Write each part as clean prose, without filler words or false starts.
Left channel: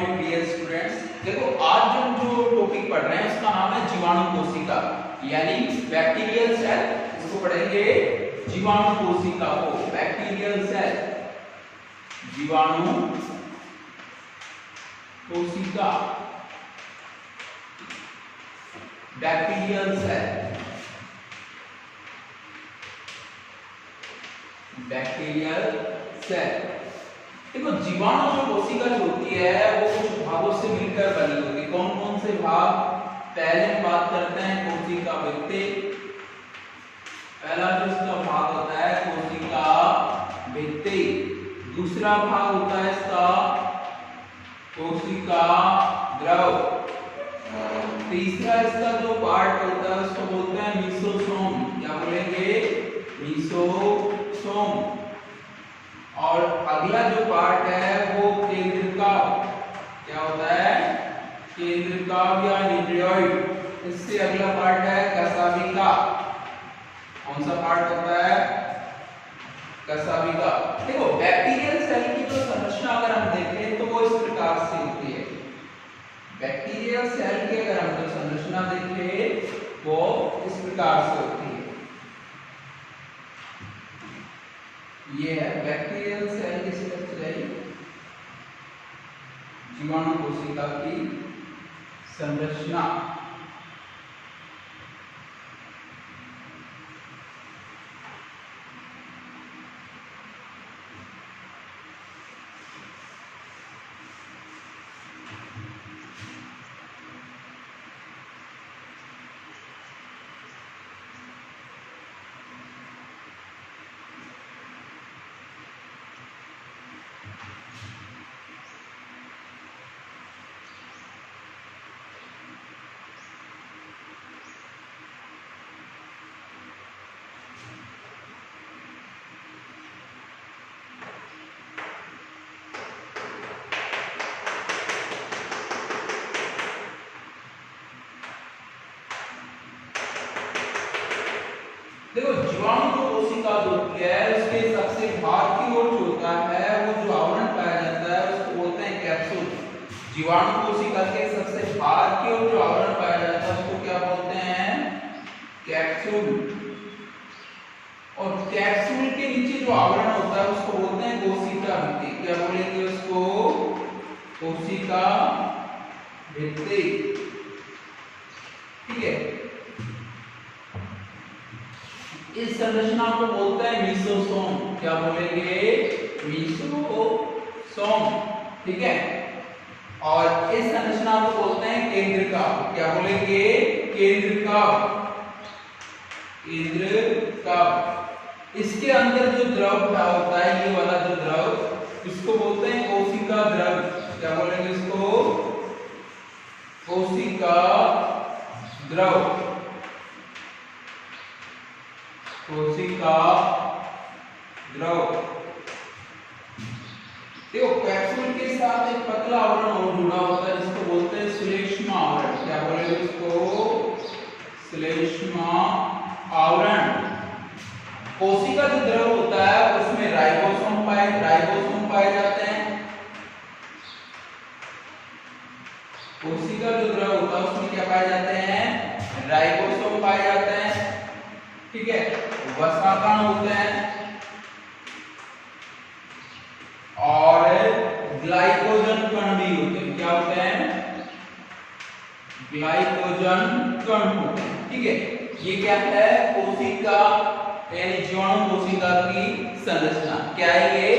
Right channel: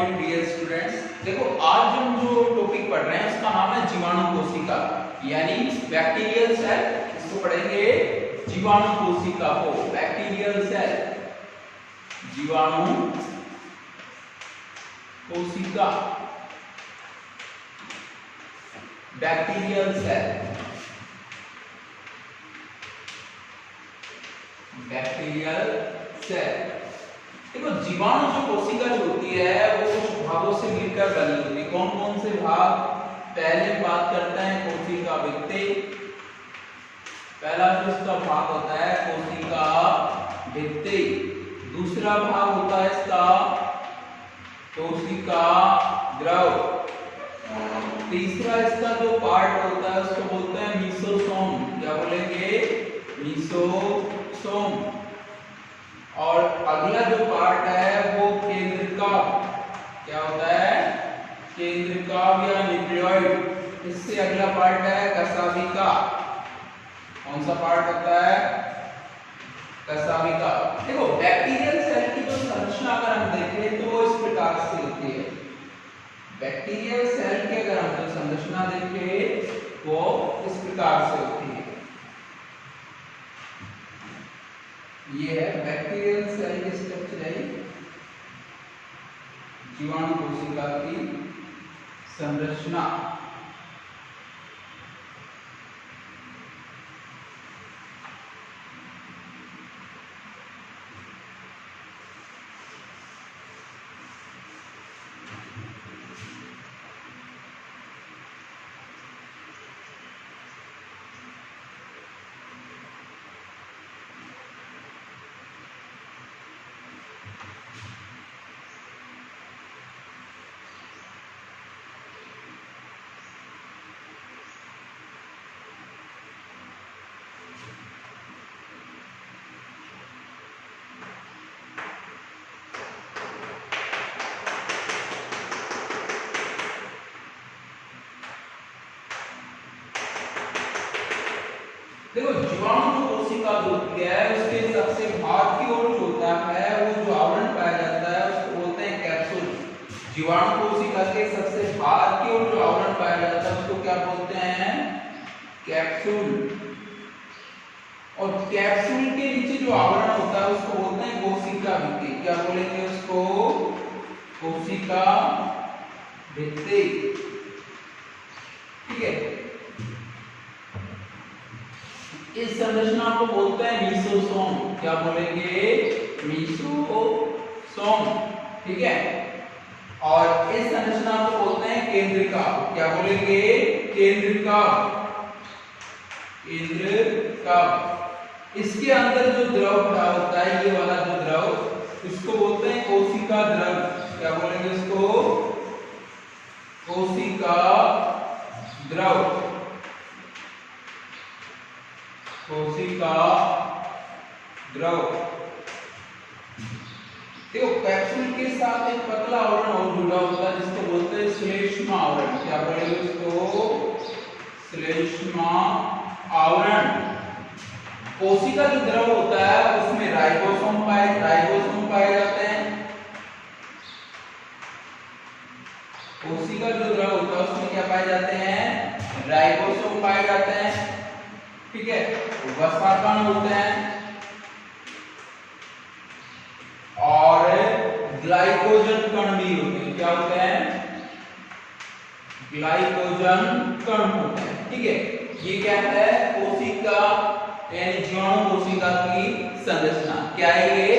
Morning dear students. देखो आज हम जो टॉपिक पढ़ रहे हैं उसका नाम है जीवाणु कोशिका यानी बैक्टीरियल सेल। इसको पढ़ेंगे जीवाणु कोशिका को, बैक्टीरियल सेल, जीवाणु कोशिका, बैक्टीरियल सेल, बैक्टीरियल सेल। देखो जीवाणु जो कोशिका जो होती है वो कुछ भागों से मिलकर बनी होती है। कौन कौन से भाग? पहले बात करते हैं कोशिका भित्ति। पहला जो इसका भाग होता है कोशिका भित्ति। दूसरा भाग होता है इसका कोशिका द्रव। तीसरा इसका जो पार्ट होता है उसको बोलते हैं मीसोसोम। क्या बोलेंगे? मीसोसोम। और अगला जो पार्ट है वो केंद्रकाव। क्या होता है? केंद्रकाव या न्यूक्लियोइड। इससे अगला पार्ट है कशाभिका। कौन सा पार्ट होता है? कशाभिका। देखो बैक्टीरियल सेल की जो संरचना अगर हम देखें तो वो इस प्रकार से होती है। बैक्टीरियल सेल की अगर हम जो संरचना देखें वो इस प्रकार से होती है। ये है बैक्टीरियल सेल की स्ट्रक्चर, जीवाणु कोशिका की संरचना। देखो जीवाणु कोशिका जो होती है उसके सबसे भाग की ओर जो होता है वो जो आवरण पाया जाता है उसको बोलते हैं कैप्सूल। जीवाणु कोशिका के सबसे भाग की ओर जो आवरण पाया जाता है उसको क्या बोलते हैं? कैप्सूल। और कैप्सूल के नीचे जो आवरण होता है उसको बोलते हैं कोशिका भित्ति। क्या बोलेंगे उसको? कोशिका भित्ति। ठीक है। इस संरचना को बोलते हैं मीसोसोम। क्या बोलेंगे? मीसोसोम। ठीक है। और इस संरचना को बोलते हैं केंद्रकाव। क्या बोलेंगे? केंद्रकाव। केंद्रकाव। इसके अंदर जो द्रव भरा होता है ये वाला जो द्रव इसको बोलते हैं कोशिका द्रव। क्या बोलेंगे इसको? कोशिका द्रव। कोशिका द्रव। देखो कैप्सूल के साथ एक पतला आवरण और जुड़ा होता है जिसको बोलते हैं श्लेष्मा आवरण। क्या बोलेंगे उसको? श्लेष्मा आवरण। कोशिका जो द्रव होता है उसमें राइबोसोम पाए जाते हैं। कोशिका जो द्रव होता है उसमें क्या पाए जाते हैं? राइबोसोम पाए जाते हैं। ठीक है। वसाकण होते हैं और ग्लाइकोजन कण भी होते हैं। क्या होते हैं? ग्लाइकोजन कण होते हैं। ठीक है। ये क्या है? कोशिका यानी जीवाणु कोशिका की संरचना। क्या है ये?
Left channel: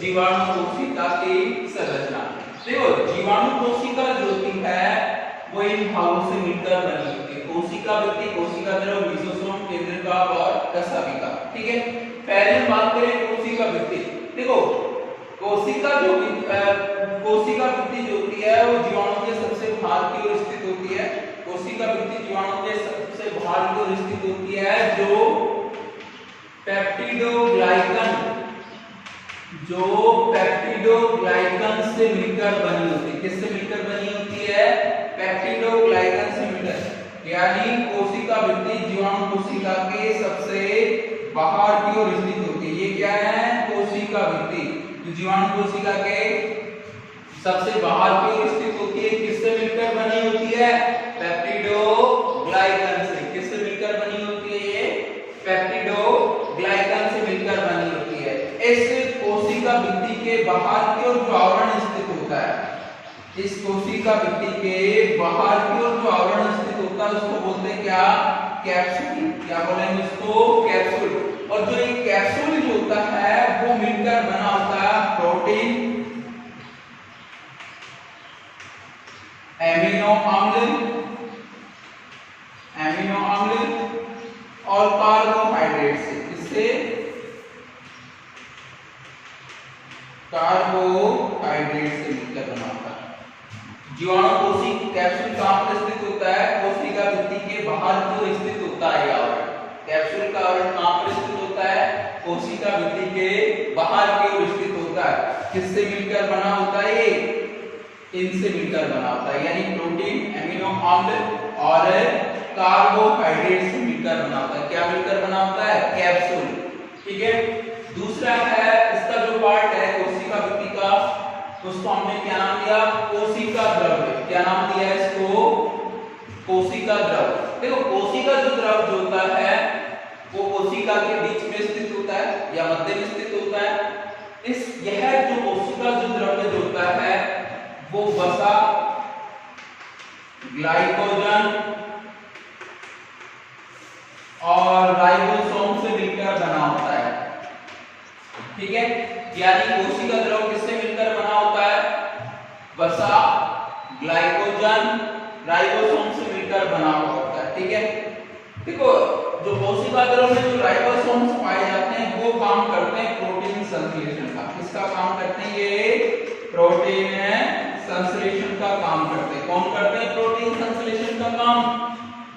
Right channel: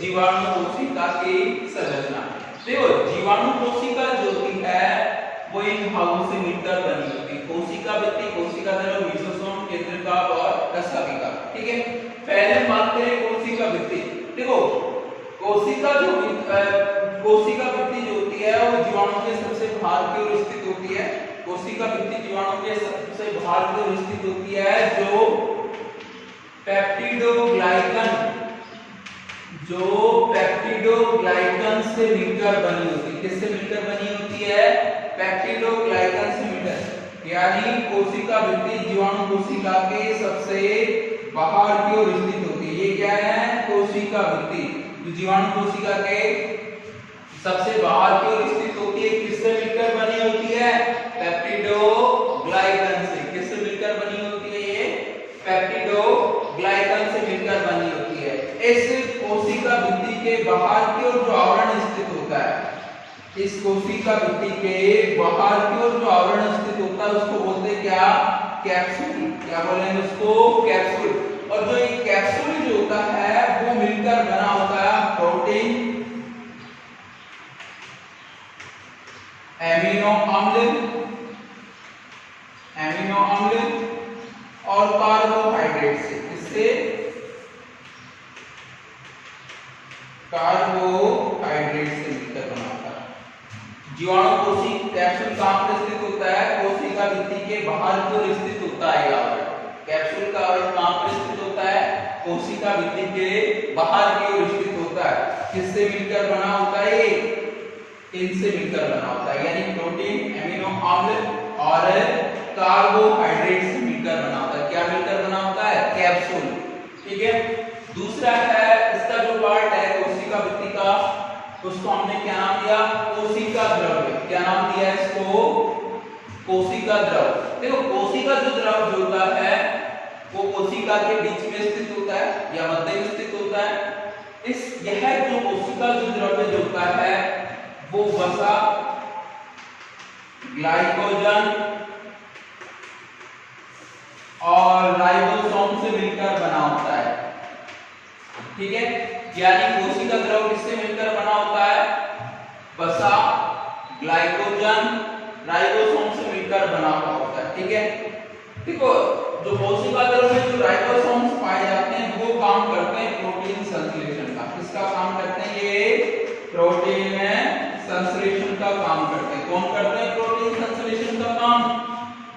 जीवाणु कोशिका की संरचना। देखो जीवाणु कोशिका जो होती है वो इन भागों से मिलकर बनी होती है। कोशिका भित्ति, कोशिका द्रव, मीसोसोम, केंद्रकाव और कशाभिका। ठीक है। पहले बात करें कोशिका भित्ति। देखो कोशिका भित्ति जो होती है वो जीवाणु के सबसे बाहर की ओर स्थित होती है। कोशिका भित्ति जीवाणु के सबसे बाहर की ओर स्थित होती है जो पेप्टिडोग्लाइकन से मिलकर बनी होती है। किससे मिलकर बनी होती है? पेप्टिडोग्लाइकन से मिलकर। यानी कोशिका भित्ति जीवाणु कोशिका के सबसे बाहर की ओर स्थित होती है। ये क्या है? कोशिका भित्ति। तो जीवाणु कोशिका के सबसे बाहर की ओर स्थित होती है, किससे मिलकर बनी होती है? पेप्टिडोग्लाइकन से। किससे मिलकर बनी होती है? ये पेप्टिडोग्लाइकन से मिलकर बनी होती है। इस कोशिका भित्ति के बाहर की ओर जो आवरण स्थित होता है, इस कोशिका भित्ति के बाहर की ओर जो आवरण स्थित होता है उसको बोलते हैं क्या? कैप्सूल। क्या बोलेंगे उसको? कैप्सूल। और जो ये कैप्सूल जो होता है वो मिलकर बना होता है प्रोटीन, एमिनो अम्ल और कार्बोहाइड्रेट से। किससे? कार्बोहाइड्रेट से मिलकर बना होता है। जीवाणु कोशिका कैप्सूल कहां पर स्थित होता है? कोशिका भित्ति के बाहर की ओर स्थित होता है ये आवरण। कैप्सूल का आवरण कहां पर स्थित होता है? कोशिका भित्ति के बाहर की ओर स्थित होता है। किससे मिलकर बना होता है ये? इनसे मिलकर बना होता है, यानी प्रोटीन, एमिनो अम्ल और कार्बोहाइड्रेट से मिलकर बना होता है। क्या मिलकर बना होता है? कैप्सूल। ठीक है। दूसरा है इसका जो पार्ट है कोशिका भित्ति का, उसको हमने क्या नाम दिया? कोशिका द्रव्य। क्या नाम दिया है इसको? कोशिका द्रव। देखो कोशिका जो द्रव जो होता है वो कोशिका के बीच में स्थित होता है या मध्य में स्थित होता है। यह जो कोशिका जो द्रव्य जो होता है वो वसा, ग्लाइकोजन और राइबोसोम से मिलकर बना होता है। ठीक है, यानी कोशिका द्रव किससे मिलकर बना होता है? वसा, ग्लाइकोजन, राइबोसोम से मिलकर बना हुआ होता है। ठीक है। देखो जो कोशिका द्रव में जो राइबोसोम्स पाए जाते हैं वो काम करते हैं प्रोटीन संश्लेषण का। किसका काम करते हैं? ये प्रोटीन संश्लेषण का काम करते हैं। कौन करते हैं प्रोटीन संश्लेषण का काम?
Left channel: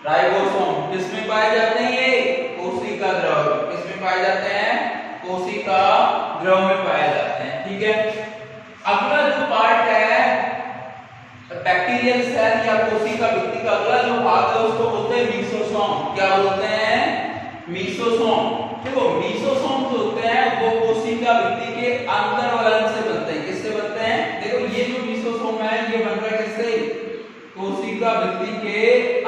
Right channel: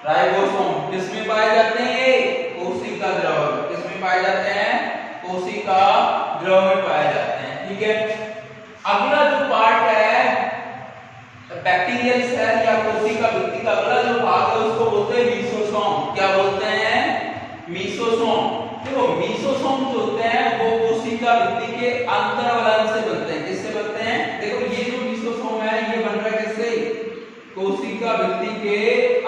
राइबोसोम। किसमें पाए जाते हैं ये? कोशिका द्रव। किसमें पाए जाते हैं? कोशिका द्रव में पाए जाते हैं। ठीक है। अगला जो पार्ट है बैक्टीरियल सेल या कोशिका भित्ति का अगला जो भाग है उसको बोलते हैं मीसोसोम। क्या बोलते हैं? मीसोसोम। देखो मीसोसोम जो होते हैं वो कोशिका भित्ति के अंतर्वलन से बनते हैं। किससे बनते हैं? देखो ये जो मीसोसोम है ये बन रहा है किससे? कोशिका भित्ति के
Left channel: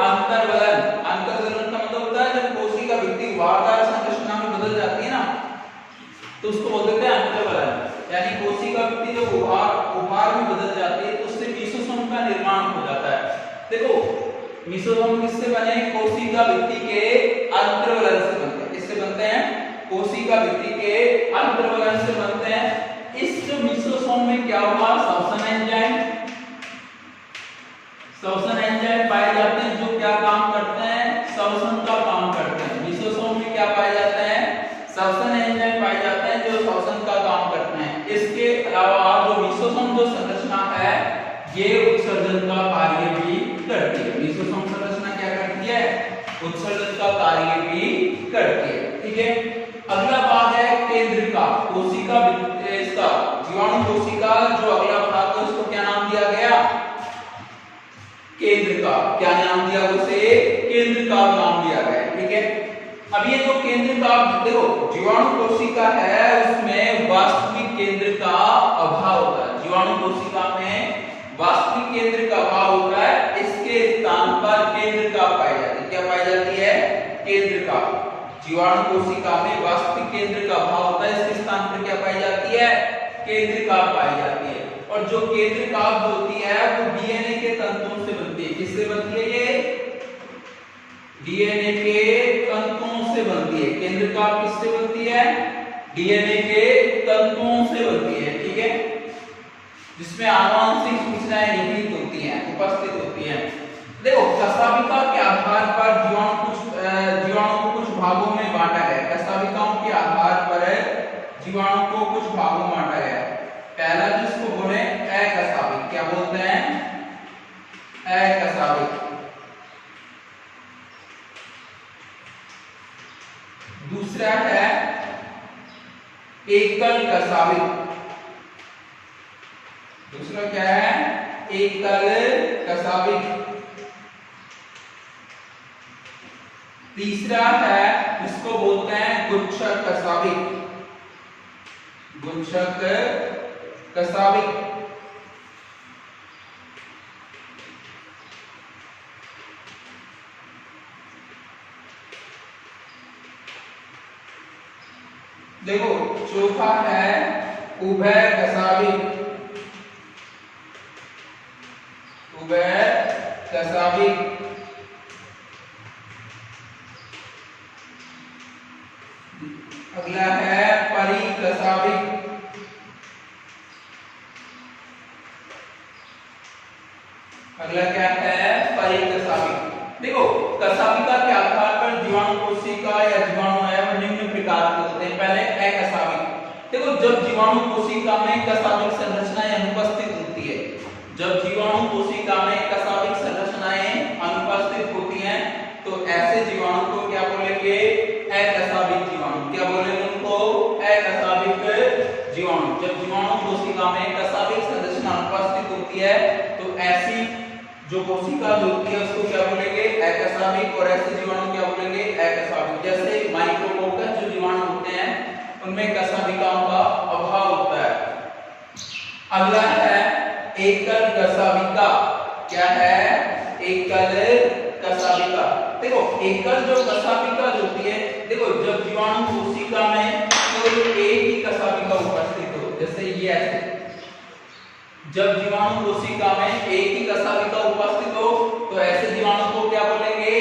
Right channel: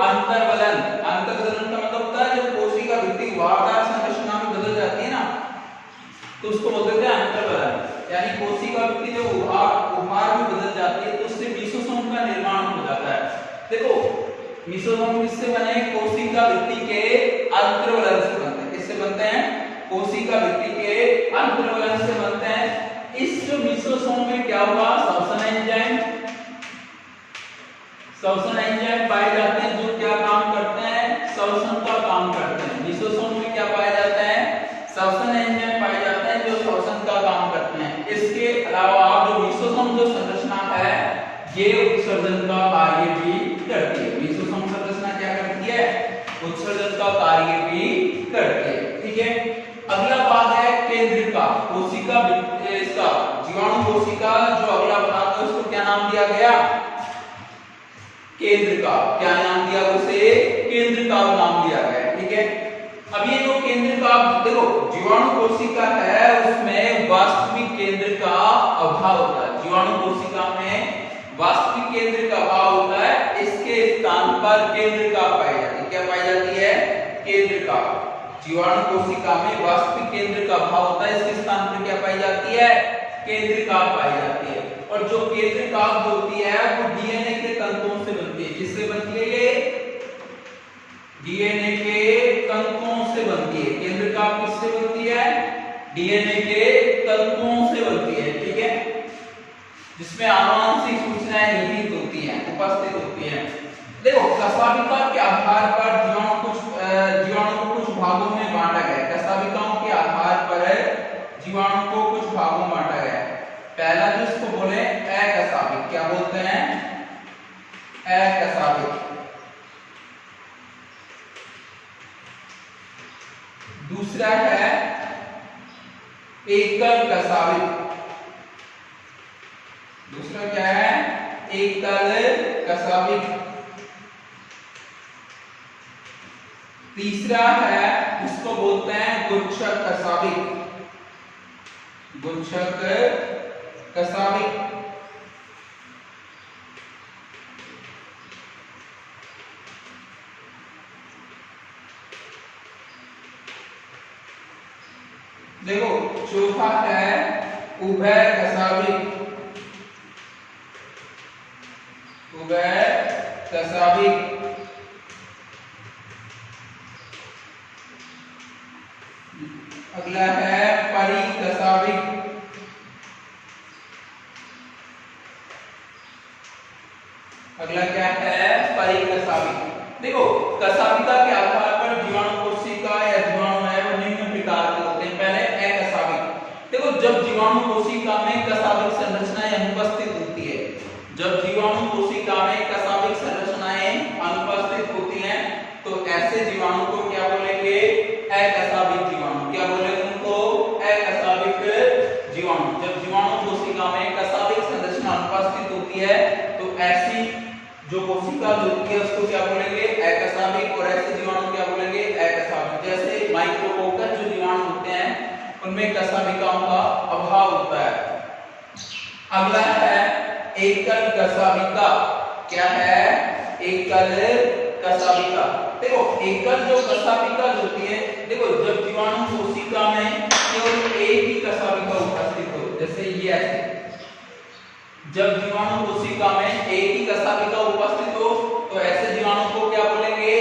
अंतर्वलन। अंतर्वलन का मतलब होता है जब कोशिका भित्ति वारदार संरचना में बदल जाती है ना तो उसको बोलते हैं अंतर्वलन। यानी कोशिका भित्ति जब उभार में बदल जाती है तो उससे मीसोसोम का निर्माण हो जाता है। देखो मीसोसोम किससे बने? कोशिका भित्ति के अंतर्वलन से बनते हैं। किससे बनते हैं? कोशिका भित्ति के अंतर्वलन से बनते हैं। इस जो मीसोसोम में क्या होगा? श्वसन एंजाइम पाए जाते हैं जो क्या काम करते हैं? श्वसन का काम करते हैं। मीसोसोम में क्या पाए जाते हैं? श्वसन एंजाइम पाए जाते हैं जो श्वसन का काम करते हैं। इसके अलावा जो मीसोसोम जो संरचना है ये उत्सर्जन का कार्य भी करती है। मीसोसोम संरचना क्या करती है? उत्सर्जन का कार्य भी करती है। ठीक है। अगला भाग है केंद्रिका। कोशिका इसका जीवाणु कोशिका जो अगला भाग है उसको क्या नाम दिया गया? केंद्रिका। क्या नाम दिया उसे? केंद्रिका नाम दिया गया। ठीक है। अब ये जो केंद्रिका देखो जीवाणु कोशिका है उसमें वास्तविक केंद्र का अभाव होता है। जीवाणु कोशिका में वास्तविक केंद्र का अभाव होता है। इसके स्थान पर केंद्रिका पाई जाती है। क्या पाई जाती है? केंद्रिका। जीवाणु कोशिका में वास्तविक केंद्र का अभाव होता है। इसके स्थान पर क्या पाई जाती है? केंद्रिका पाई जाती है। और जो केंद्रिका जो होती है वो डीएनए के तंतुओं से बनती है। किससे बनती है ये? डीएनए के तंतुओं से बनती है। केंद्रिका किससे बनती है? डीएनए के तंतुओं से बनती है। ठीक है। जिसमें आनुवंशिक सूचनाएं निहित होती हैं, उपस्थित होती हैं। देखो कशाभिका के आधार पर जीवाणु को कुछ भागों में बांटा गया। कशाभिकाओं के आधार पर जीवाणु को कुछ भागों में बांटा गया। पहला जिसको बोले अकशाभिक। क्या बोलते हैं? अकशाभिक। दूसरा है एकल कशाभिक। दूसरा क्या है? एकल कशाभिक। तीसरा है इसको बोलते हैं गुच्छक कशाभिक। गुच्छक कशाभिक। देखो चौथा है उभयकशाभिक। उभयकशाभिक अगला है परिकशाभिक। अगला क्या है परिकशाभिक। देखो कशाभिका के आधार पर जीवाणु कोशिका या जीवाणु एवं निम्न प्रकार के होते हैं। पहले अकशाभिक। देखो जब जीवाणु कोशिका में कशाभिक संरचनाएं अनुपस्थित होती है, जब जीवाणु कोशिका में कशाभिक संरचनाएं अनुपस्थित होती हैं तो ऐसे जीवाणु को क्या बोलेंगे अकशाभिक जीवाणु। क्या बोलेंगे उनको अकशाभिक जीवाणु। जब जीवाणु कोशिका में कशाभिक संरचना अनुपस्थित होती है तो ऐसी जो कोशिका जो होती है उसको क्या बोलेंगे अकशाभिक, और ऐसे जीवाणु क्या बोलेंगे अकशाभिक। जैसे माइक्रोकोकस जो जीवाणु होते हैं उनमें कशाभिकाओं का अभाव होता है। अगला है एकल कशाभिका। क्या है एकल कशाभिका। देखो एकल जो कशाभिका होती है, देखो जब जीवाणु कोशिका में केवल एक ही कशाभिका उपस्थित हो, जैसे ये ऐसे, जब जीवाणु कोशिका में एक ही कशाभिका उपस्थित हो तो ऐसे जीवाणु को क्या बोलेंगे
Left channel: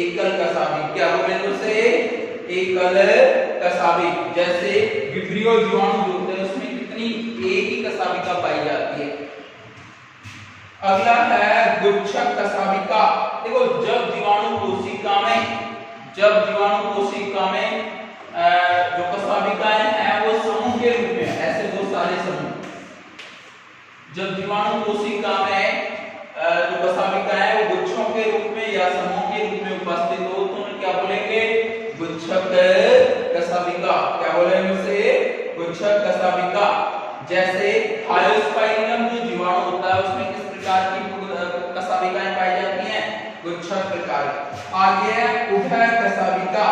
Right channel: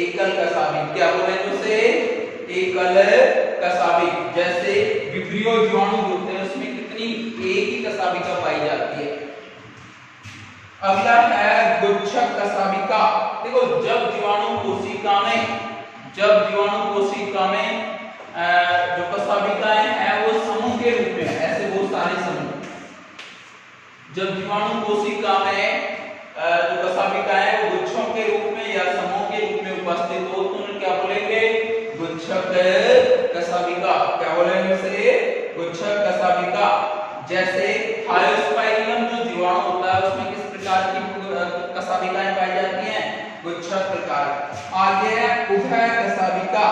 एकल कशाभिक। क्या बोलेंगे उसे एकल कशाभिक। जैसे विब्रियो जीवाणु होते हैं उसमें कितनी एक ही कशाभिका पाई जाती है। अगला है गुच्छक कशाभिका। देखो जब जीवाणु कोशिका में जो कशाभिकाएं हैं वो समूह के रूप में, ऐसे बहुत सारे समूह, जब जीवाणु कोशिका में जो कशाभिकाएं हैं वो गुच्छों के रूप में या समूह के रूप में उपस्थित हो तो उन्हें क्या बोलेंगे गुच्छक कशाभिका। क्या बोलेंगे उसे गुच्छक कशाभिका। जैसे थायोस्पाइरिलम जो जीवाणु होता है उसमें किस प्रकार की कशाभिकाएं पाई जाती हैं गुच्छक प्रकार। आगे है उभय कशाभिका।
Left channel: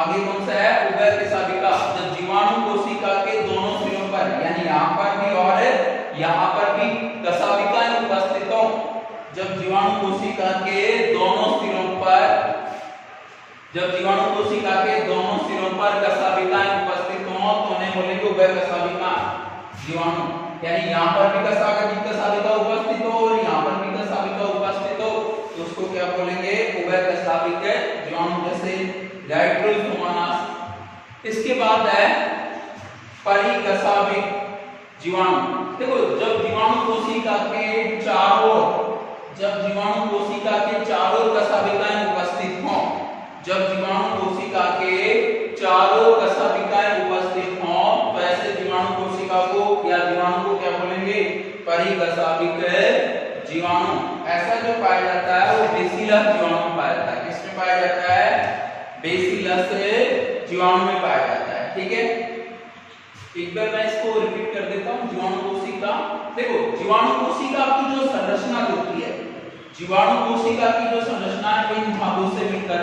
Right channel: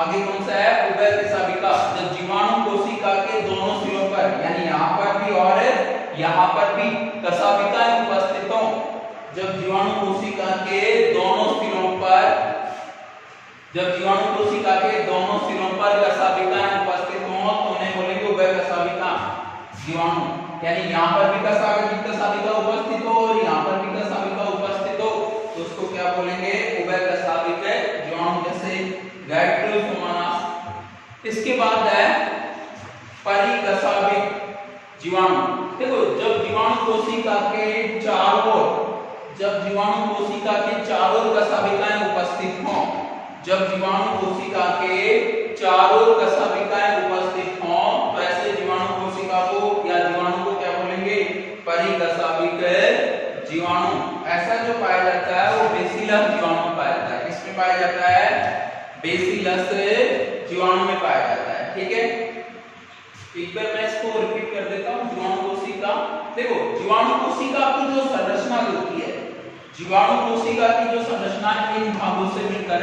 आगे कौन सा है उभय कशाभिका। जब जीवाणु कोशिका के दोनों सिरों पर यानी यहाँ पर भी और यहाँ पर भी कशाभिकाएं उपस्थित हो, जब जीवाणु कोशिका के दोनों सिरों पर कशाभिकाएं उपस्थित हो तो उन्हें बोलेंगे उभय कशाभिका जीवाणु। यानी यहाँ पर भी कशाभिका उपस्थित हो और यहाँ पर भी कशाभिका उपस्थित हो तो उसको क्या बोलेंगे उभय कशाभिक जीवाणु, जैसे गाइट्रोसोमोनास। इसके बाद है परिकशाभिक जीवाणु। देखो जब जीवाणु कोशिका के चारों कशाभिकाएं उपस्थित हों, जब जीवाणु कोशिका के चारों कशाभिकाएं उपस्थित हों तो ऐसे जीवाणु कोशिका को या जीवाणु को क्या बोलेंगे परिकशाभिक जीवाणु। ऐसा जो पाया जाता है वो बेसिलस जीवाणु में पाया जाता है। किसमें पाया जाता है बेसिलस जीवाणु में पाया जाता है। ठीक है, एक बार मैं इसको रिपीट कर देता हूं। जीवाणु कोशिका, देखो जीवाणु कोशिका की जो संरचना होती है, जीवाणु कोशिका की जो संरचना है इन भागों से मिलकर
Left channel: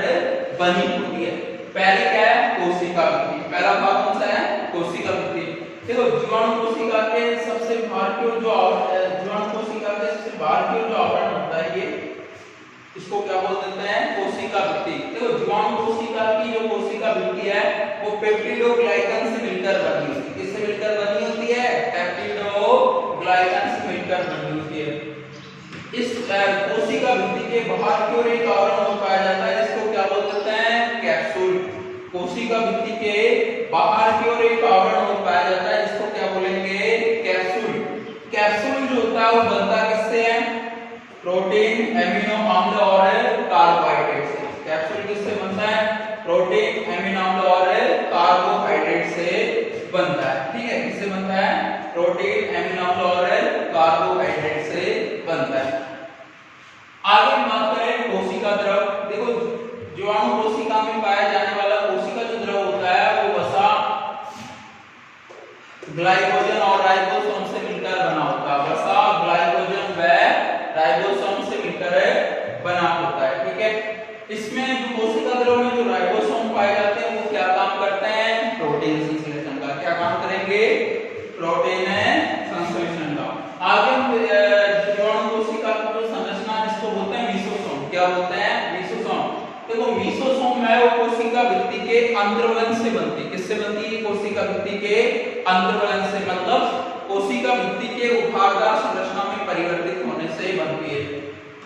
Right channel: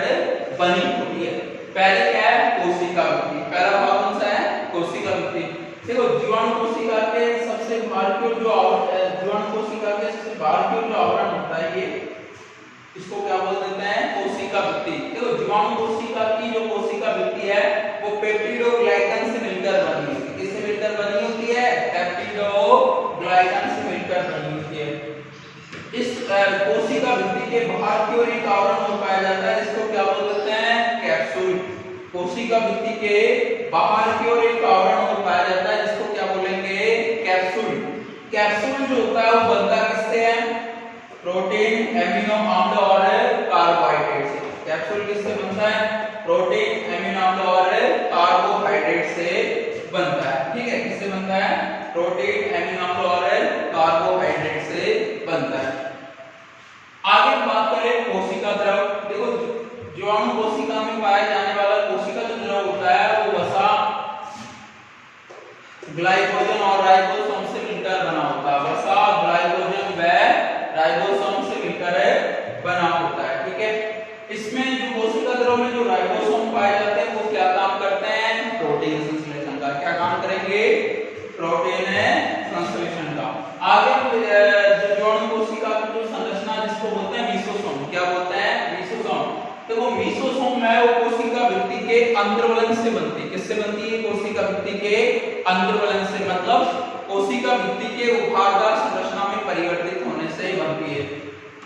बनी होती है। पहले क्या है कोशिका भित्ति। पहला भाग कौन सा है कोशिका भित्ति। देखो जीवाणु कोशिका के सबसे बाहर की ओर जो आवरण होता है ये, इसको क्या बोल देते हैं कोशिका भित्ति। देखो जीवाणु कोशिका की जो कोशिका भित्ति है वो पेप्टिडोग्लाइकन से मिलकर बनी होती है। किससे मिलकर बनी होती है पेप्टिडोग्लाइकन से मिलकर बनी होती है। इस कोशिका भित्ति के बाहर की ओर एक आवरण पाया जाता है जिसको क्या बोल देते हैं कैप्सूल। कोशिका भित्ति के बाहर की ओर एक आवरण पाया जाता है जिसको क्या बोलेंगे कैप्सूल। कैप्सूल जो होता है वो बनता किससे है प्रोटीन, एमिनो अम्ल और कार्बोहाइड्रेट से। कैप्सूल किससे बनता है प्रोटीन, एमिनो अम्ल और कार्बोहाइड्रेट से बनता है। ठीक है, किससे बनता है प्रोटीन, एमिनो अम्ल और कार्बोहाइड्रेट से बनता है। आगे बात करें कोशिका द्रव। देखो जीवाणु कोशिका में पाया जाने वाला कोशिका जो द्रव होता है वो वसा, ग्लाइकोजन और राइबोसोम से मिलकर बना होता है। वसा, ग्लाइकोजन व राइबोसोम से मिलकर बना होता है। ठीक है, इसमें जो कोशिका द्रव में जो राइबोसोम पाए जाते हैं वो क्या काम करते हैं प्रोटीन संश्लेषण का। क्या काम करेंगे प्रोटीन संश्लेषण का। आगे जीवाणु कोशिका की जो संरचना जिसको बोलते हैं मीसोसोम। क्या बोलते हैं मीसोसोम। तो वो मीसोसोम लिसोसोम है वो कोशिका भित्ति के अंतर्वलन से बनती है। किससे बनती है? कोशिका भित्ति के अंतर्वलन से, मतलब कोशिका भित्ति के उभारदार संरचना में परिवर्तित होने से बनती है।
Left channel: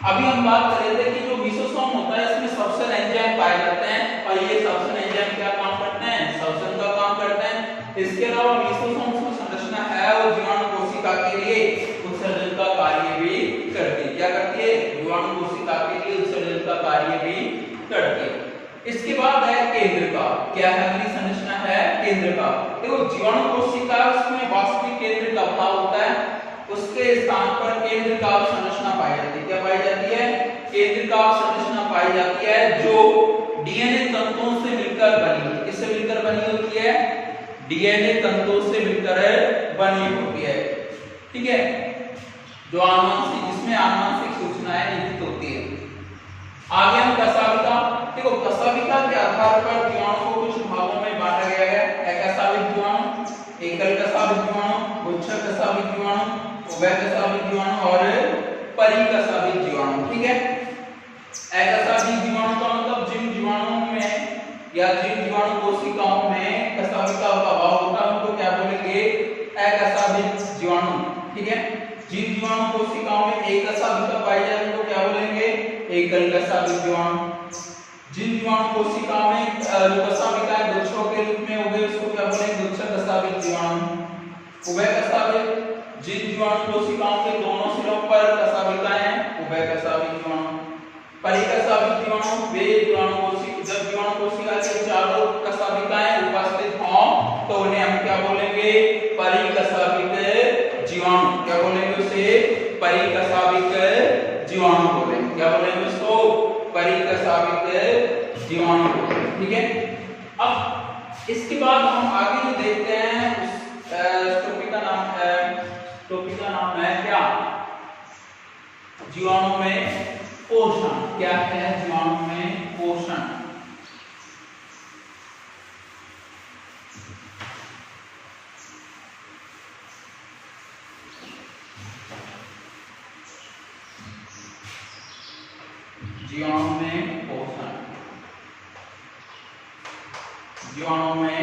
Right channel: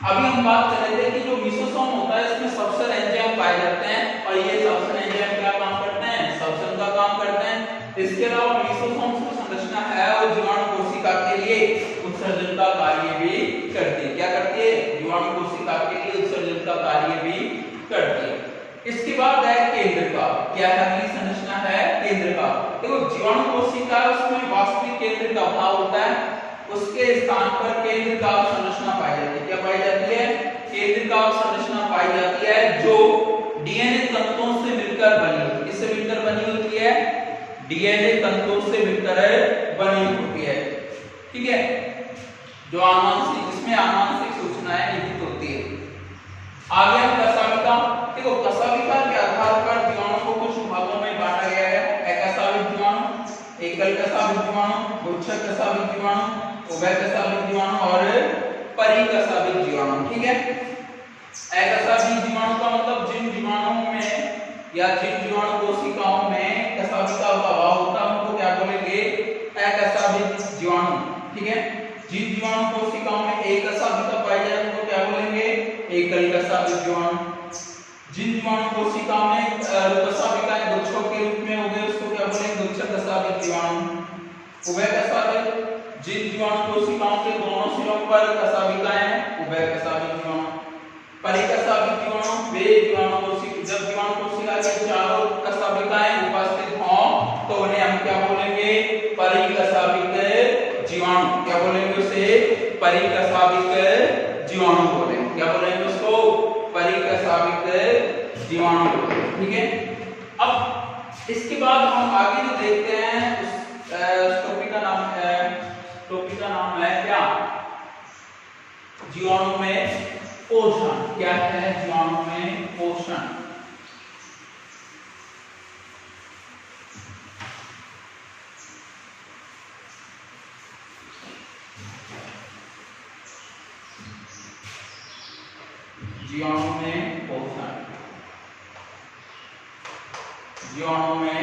अभी हम बात कर रहे थे कि जो लिसोसोम होता है इसमें सब्सट्रेट एंजाइम पाए जाते हैं और ये सब्सट्रेट एंजाइम क्या काम करते हैं? श्वसन का काम करते हैं। इसके अलावा लिसोसोम की संरचना है वो जीवाणु कोशिका के लिए उत्सर्जन का कार्य भी करती है। क्या करती है? जीवाणु कोशिका के लिए उत्सर्जन का कार्य भी करती है। इसके बाद है केंद्रका। क्या है? अगली संरचना है केंद्रका। देखो जीवाणु कोशिका उसमें वास्तविक केंद्र का अभाव होता है, उसके स्थान पर केंद्रका संरचना पाई जाती है। क्या पाई जाती है? केंद्रका संरचना पाई जाती है जो डीएनए तंतुओं से मिलकर बनी होती है। किससे मिलकर बनी होती है? डीएनए तंतुओं से मिलकर बनी होती है। ठीक है, जो आनुवंशिक, जिसमें आनुवंशिक सूचनाएं लिखित होती है। आगे हम कशाविका। देखो कशाविका के आधार पर जीवाणु को कुछ भागों में बांटा गया है। एकशाविक जीवाणु, एकल कशाविक जीवाणु, गुच्छक कशाविक जीवाणु, उभय कशाविक जीवाणु और परिकशाविक जीवाणु। ठीक है, एकशाविक जीवाणु का मतलब जिन जीवाणुओं में या जिन जीवाणु कोशिकाओं में कशाविका का अभाव होता है उनको क्या बोलेंगे? एकशाविक जीवाणु। ठीक है, जिन जीवाणु कोशिकाओं में एक कशाविका पाई जाए उनको क्या बोलेंगे? एकल कशाविक जीवाणु। जिन जीवाणु कोशिकाओं में कशाविकाएं गुच्छों के रूप में उगे उसको क्या बोलेंगे? गुच्छक कशाविक जीवाणु। उभय कशाविक, जिन जीवाणु कोशिकाओं के दोनों सिरों पर कशाविकाएं हैं, उभय कशाविक जीवाणु। परिकशाविक जीवाणु वे जीवाणु कोशिका, जब जीवाणु कोशिका के चारों कशाविकाएं उपस्थित हों तो उन्हें हम क्या बोलेंगे? परिकशाविक जीवाणु। क्या बोलेंगे उसे? परिकशाविक जीवाणु बोलेंगे। क्या बोलेंगे इसको? परिकशाविक जीवाणु बोलेंगे। ठीक है, अब इसके बाद हम आगे जो देखते हैं उस टॉपिक का नाम है क्या? जीवाणु में पोषण। क्या है जीवाणु में पोषण? जीवाणु में पोषण, जीवाणु में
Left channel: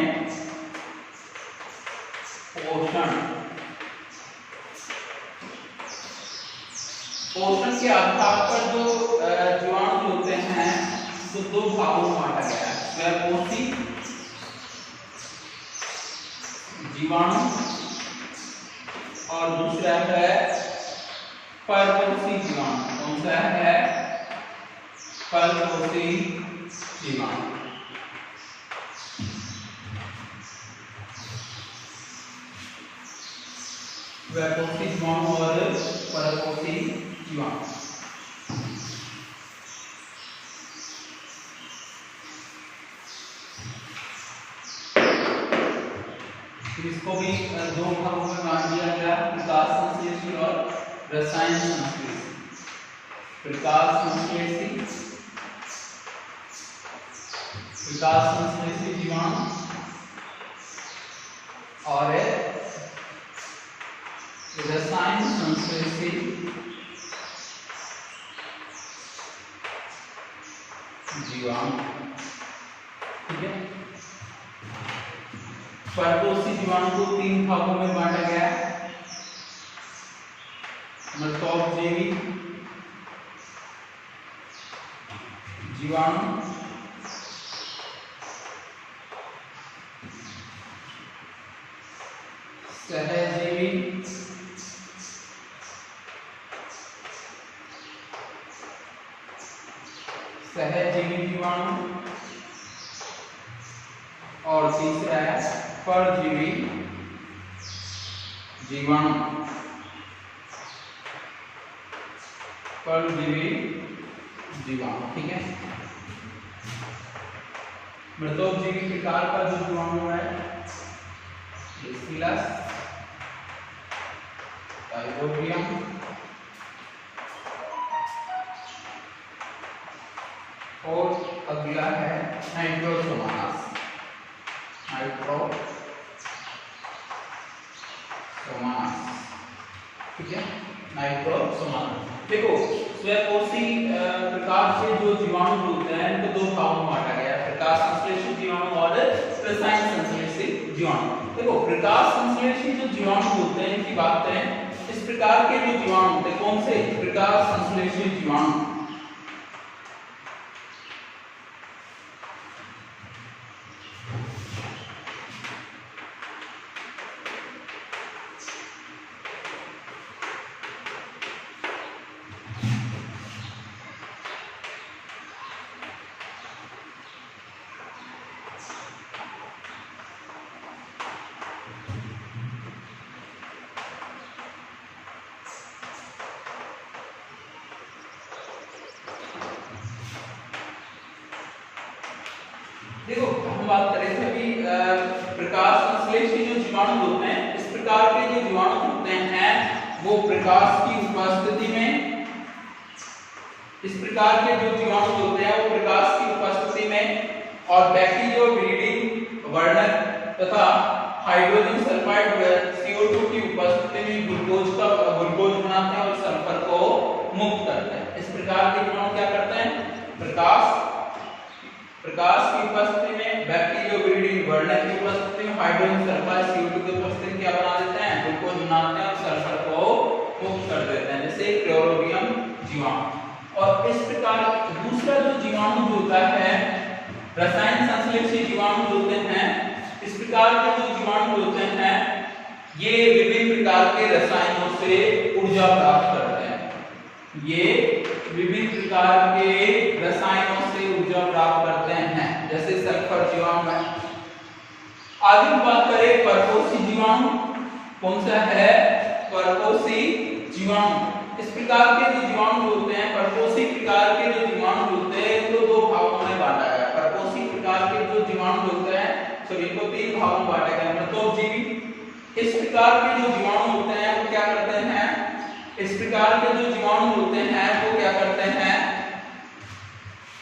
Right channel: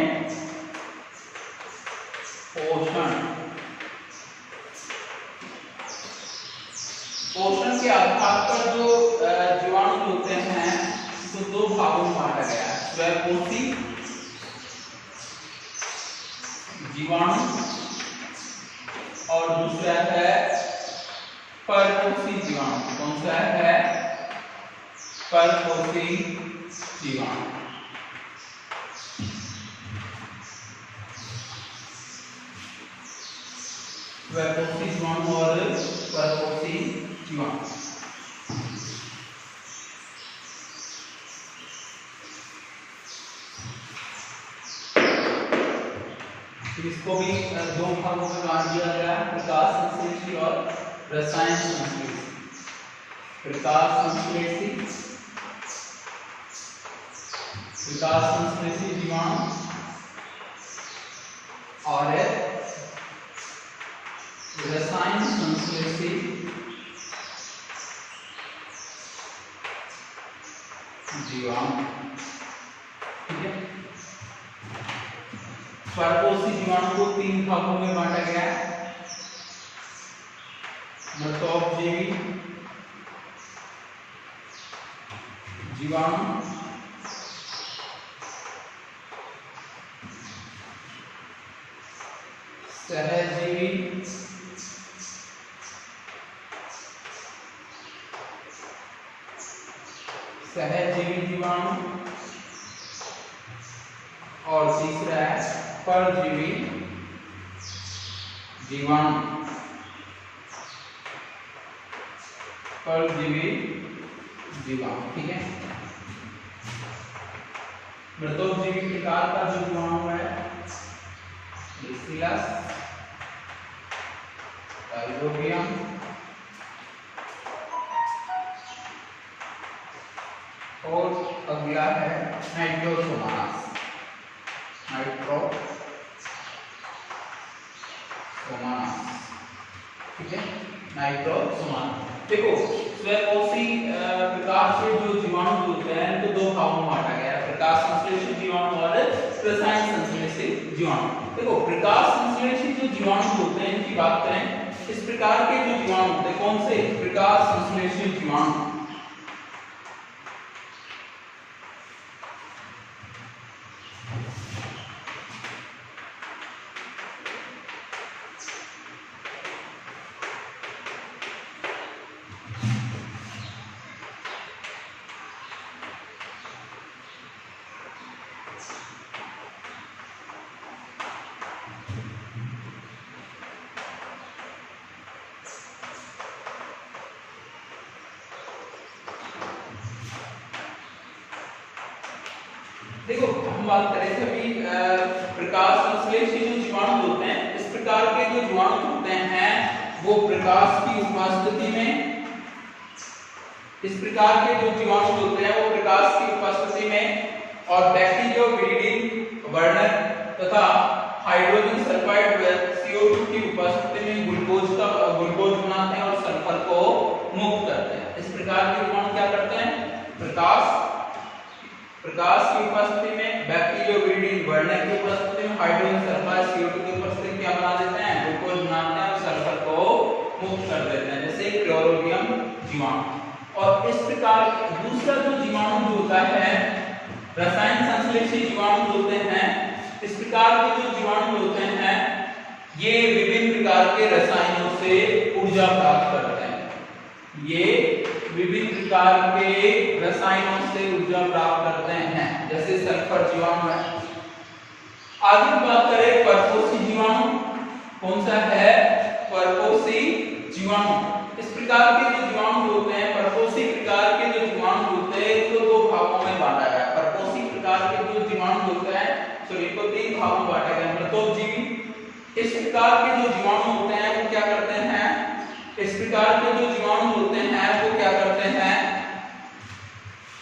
पोषण। पोषण के आधार पर जो जीवाणु होते हैं तो दो भागों में बांटा गया है। स्वयंपोषी जीवाणु और दूसरा है परपोषी जीवाणु। कौन सा है? परपोषी जीवाणु। स्वयंपोषी जीवाणु और परपोषी जीवाणु। इसको भी दो भागों में बांट दिया गया, प्रकाश संश्लेषी और रसायन संश्लेषी। प्रकाश संश्लेषी जीवाणु और रसायन संश्लेषी जीवाणु। ठीक है, परपोषी जीवाणु को तीन भागों में बांटा गया है। मृतोपजीवी जीवाणु, सहजीवी जीवाणु और तीसरा है परजीवी जीवाणु। परजीवी जीवाणु। ठीक है, मृतोपजीवी प्रकार का जो जीवाणु है बैसिलस, टाइलोबियम, और अगला है नाइट्रोसोमानास। ठीक है, नाइट्रोसोमानास। देखो स्वयंपोषी प्रकार के जो जीवाणु होते हैं इनको दो भागों में बांटा गया है। प्रकाश संश्लेषित जीवाणु और रसायन संश्लेषित जीवाणु। देखो प्रकाश संश्लेषित जो जीवाणु होते हैं इनकी बात करें, इस प्रकार के जो जीवाणु होते हैं कौन से प्रकाश संश्लेषित जीवाणु, देखो हम बात करें थे कि प्रकाश संश्लेषित जो जीवाणु होते हैं इस प्रकार के जो जीवाणु होते हैं वो प्रकाश की उपस्थिति में, इस प्रकार के जो जीवाणु होते हैं वो प्रकाश की उपस्थिति में और बैक्टीरियोविरिडी वर्णक तथा हाइड्रोजन सल्फाइड व CO2 की उपस्थिति में ग्लूकोज बनाते हैं और सल्फर को मुक्त करते हैं। इस प्रकार के जीवाणु क्या करते हैं, प्रकाश की उपस्थिति में बैक्टीरियोविरिडी वर्णक की उपस्थिति में हाइड्रोजन सल्फाइड CO2 की उपस्थिति में क्या बना देते हैं, ग्लूकोज बनाते हैं और सल्फर को मुक्त कर देते हैं, जैसे क्लोरोबियम जीवाणु। और इस प्रकार दूसरा जो जीवाणु होता है रसायन संश्लेषित जीवाणु होते हैं, इस प्रकार के जो जीवाणु होते हैं ये विभिन्न प्रकार के रसायनों से ऊर्जा प्राप्त करते हैं, ये विभिन्न प्रकार के रसायनों से ऊर्जा प्राप्त करते हैं, जैसे सल्फर जीवाणु है। आगे बात करें परपोषी जीवाणु, कौन सा है परपोषी जीवाणु। इस प्रकार के जो जीवाणु होते हैं, परपोषी प्रकार के जो जीवाणु होते हैं इनको दो भागों में बांटा गया। परपोषी प्रकार के जो जीवाणु होते हैं इनको तीन भागों में बांटा गया, मृतोपजीवी। इस प्रकार के जो जीवाणु होते हैं वो क्या करते हैं, इस प्रकार के जो जीवाणु होते हैं वो क्या करते हैं,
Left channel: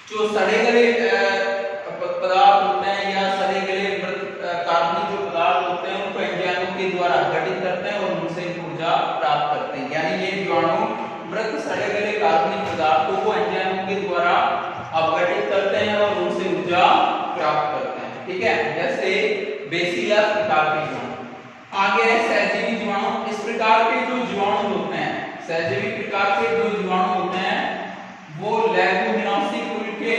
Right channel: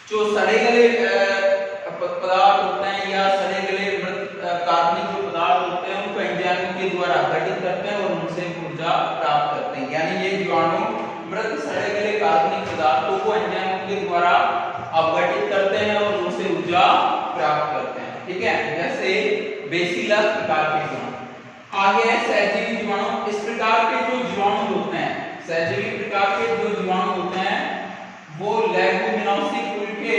जो सड़े गले पदार्थ होते हैं या सड़े गले कार्बनिक जो पदार्थ होते हैं उनको एंजाइमों के द्वारा गठित करते हैं और उनसे ऊर्जा प्राप्त करते हैं। यानी ये जीवाणु मृत सड़े गले कार्बनिक पदार्थों को एंजाइमों के द्वारा अपघटित करते हैं और उनसे ऊर्जा प्राप्त करते हैं, ठीक है, जैसे बेसिलस प्रकार के जीवाणु। आगे है सहजीवी जीवाणु। इस प्रकार के जो जीवाणु होते हैं, सहजीवी प्रकार के जो जीवाणु होते हैं वो लेगुमिनोसी के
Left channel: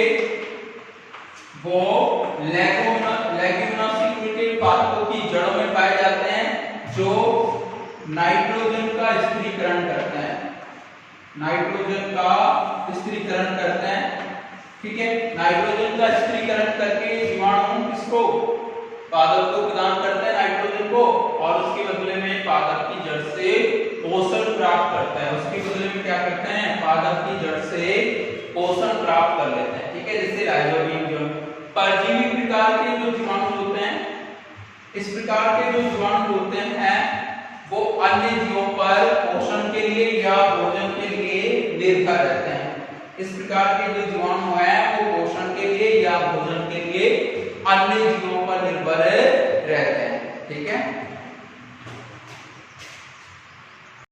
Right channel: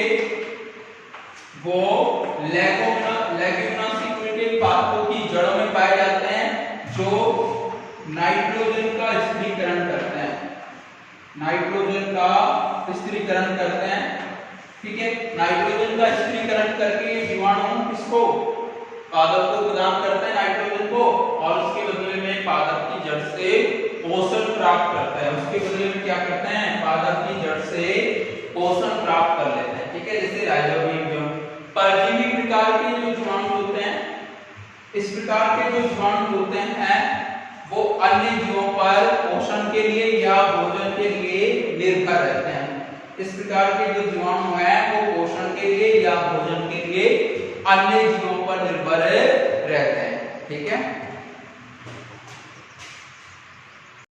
पादपों की जड़ों में पाए जाते हैं जो नाइट्रोजन का स्थिरीकरण करते हैं, नाइट्रोजन का स्थिरीकरण करते हैं, ठीक है। नाइट्रोजन का स्थिरीकरण करके जीवाणु किसको, पादप को प्रदान करते हैं नाइट्रोजन को, और उसके बदले में पादप की जड़ से पोषण प्राप्त करता है, उसके बदले में क्या करते हैं, पादप की जड़ से पोषण प्राप्त कर लेते हैं, ठीक है, जैसे राइजोबियम। परजीवी प्रकार के जो जीवाणु होते हैं, इस प्रकार के जो जीवाणु होते हैं वो अन्य जीवों पर पोषण के लिए या भोजन के लिए निर्भर रहते हैं। इस प्रकार के जो जीवाणु हैं वो पोषण के लिए या भोजन के लिए अन्य जीवों पर निर्भर रहते हैं, ठीक है।